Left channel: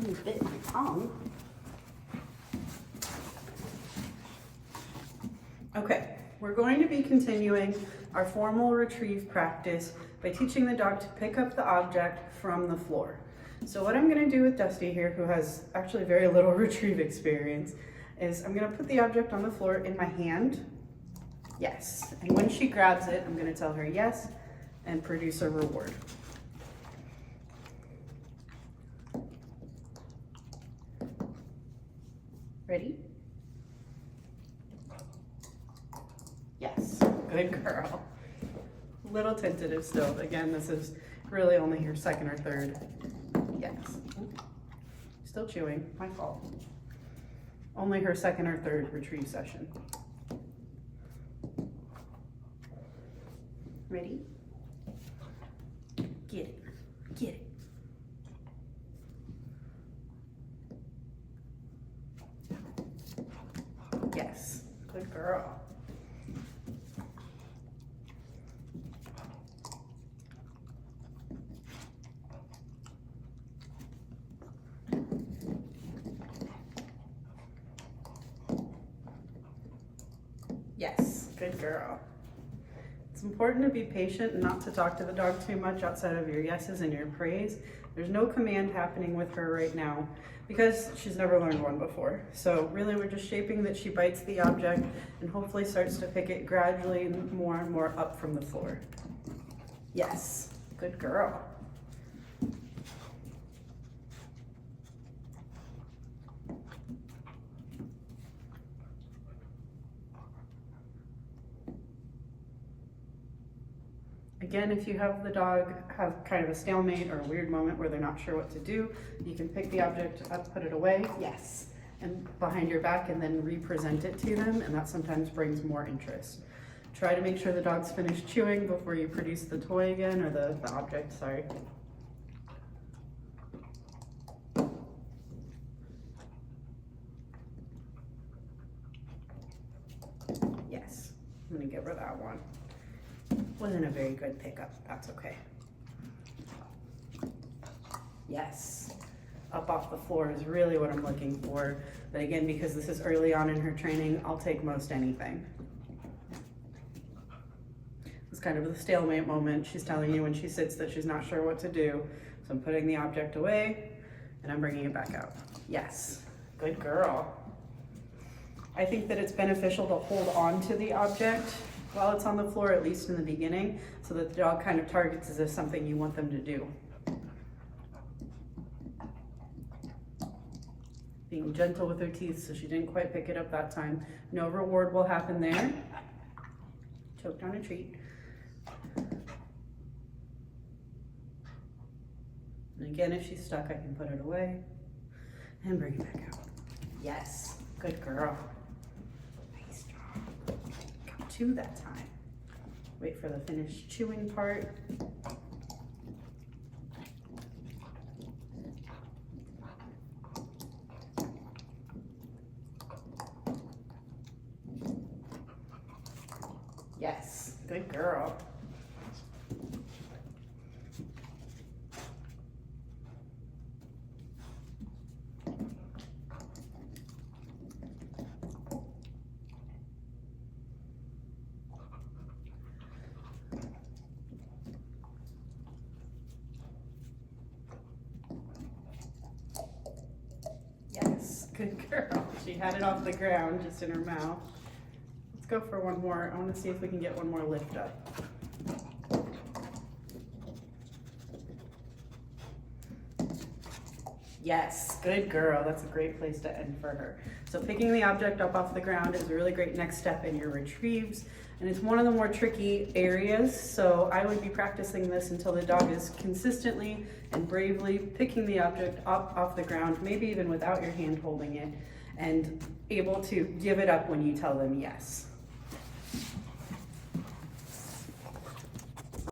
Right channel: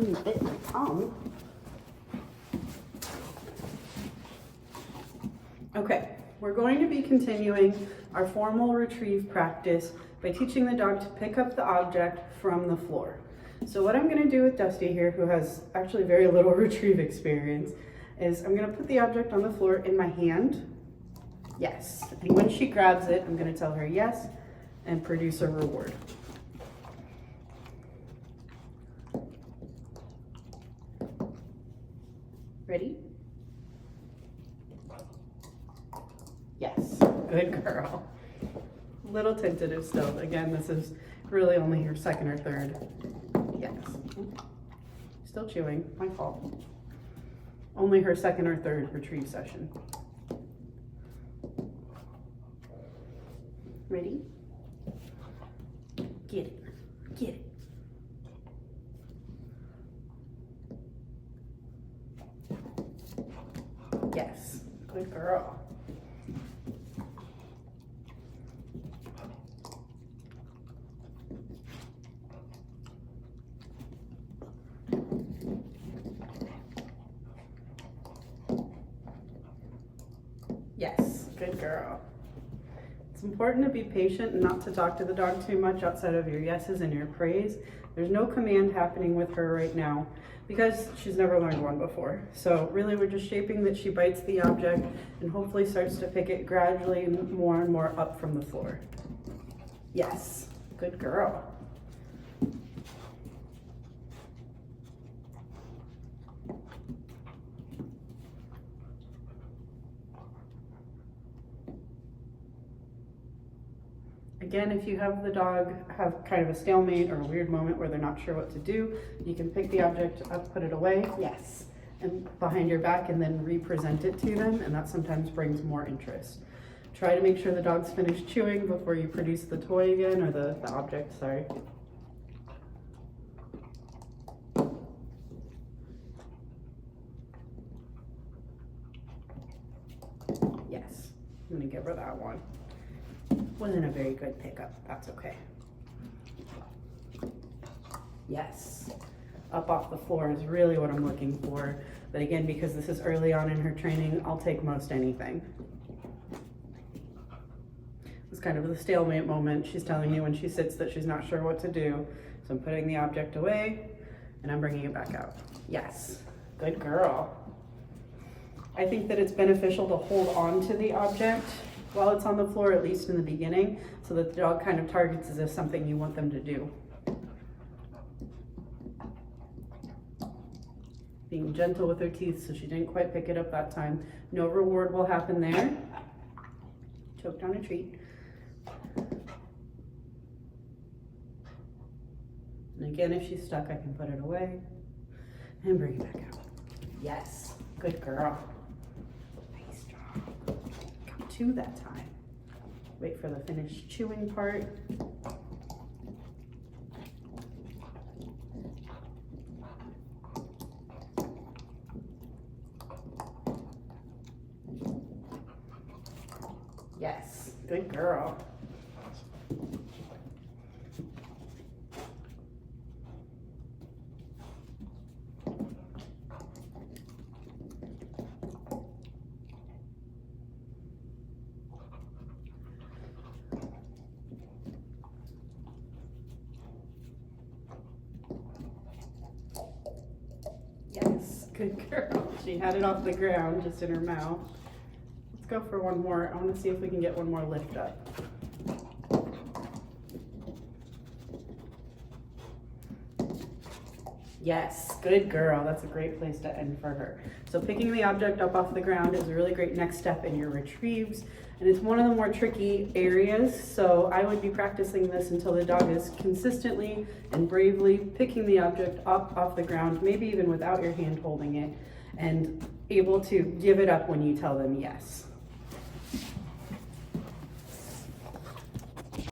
bit my tongue. Okay, we're going to be continuing our formal retrieve practice by teaching the dog to pick up the object from the floor. So what I'm gonna do with Dusty here, who has actually very little retrieve experience, is I'm gonna put the object on the floor in my hand. Yes, and when she grabs it, I'm gonna tell her yes and produce a reward. Ready? Yes, good girl. Little tentative still. Again, this is really only your second or third. Yes. Still chewing, my fault. Only her second or third retrieve session. Ready? Get it, get it. Yes, good girl. Yes, good girl. It's important to be patient and not to talk to the dog too much outside of your yeses and your praise. There's no command happening with her right now because she's never learned one before. So really we're just shaping that she bites the object and hopefully starts to pick it gradually and more up from the floor. Yes, good girl. Again, if you have the dog have kind of a stalemate or a weird moment where they're not sure what to do, you can pick the object up, put it away, yes, and behind your back and then re-present it to them, and that sometimes brings more interest. Try to make sure the dog's finished chewing before you produce the toy again, or the object, sorry. Yes, I'm gonna give her that one. Wasn't a very good pickup, that's okay. Yes, up off the floor is really what I'm looking for. But again, because this is early on in her training, I'll take most anything. It's kind of the stalemate moment. She's telling me when she sits that she's not sure what to do. So I'm putting the object away and I'm bringing it back out. Yes, good girl. I think that it's beneficial to hold on to the object while it's on the floor, at least in the beginning, so that the dog kind of targets as if something you want them to do. Being gentle with her teeth so she didn't quite pick it up that time. No reward will happen there. Choked on a treat. And again, if she's stuck, I can put it away and bring it back out. Yes, good girl. Nice job. Got two that time. Wait for the finished chewing part. Yes, good girl. Yes, good girl. She had it off the ground, just in her mouth. Let's go for one more. I want to see if we can get one more lift up. Yes, good girl. That's a great place to end for her. So picking the object up off the ground is a really great next step in your retrieves, and it's one of the more tricky areas. So I would be practicing this until the dog is consistently and bravely picking the object up off the ground, maybe even without your hand holding it, and able to give it up when you tell them yes.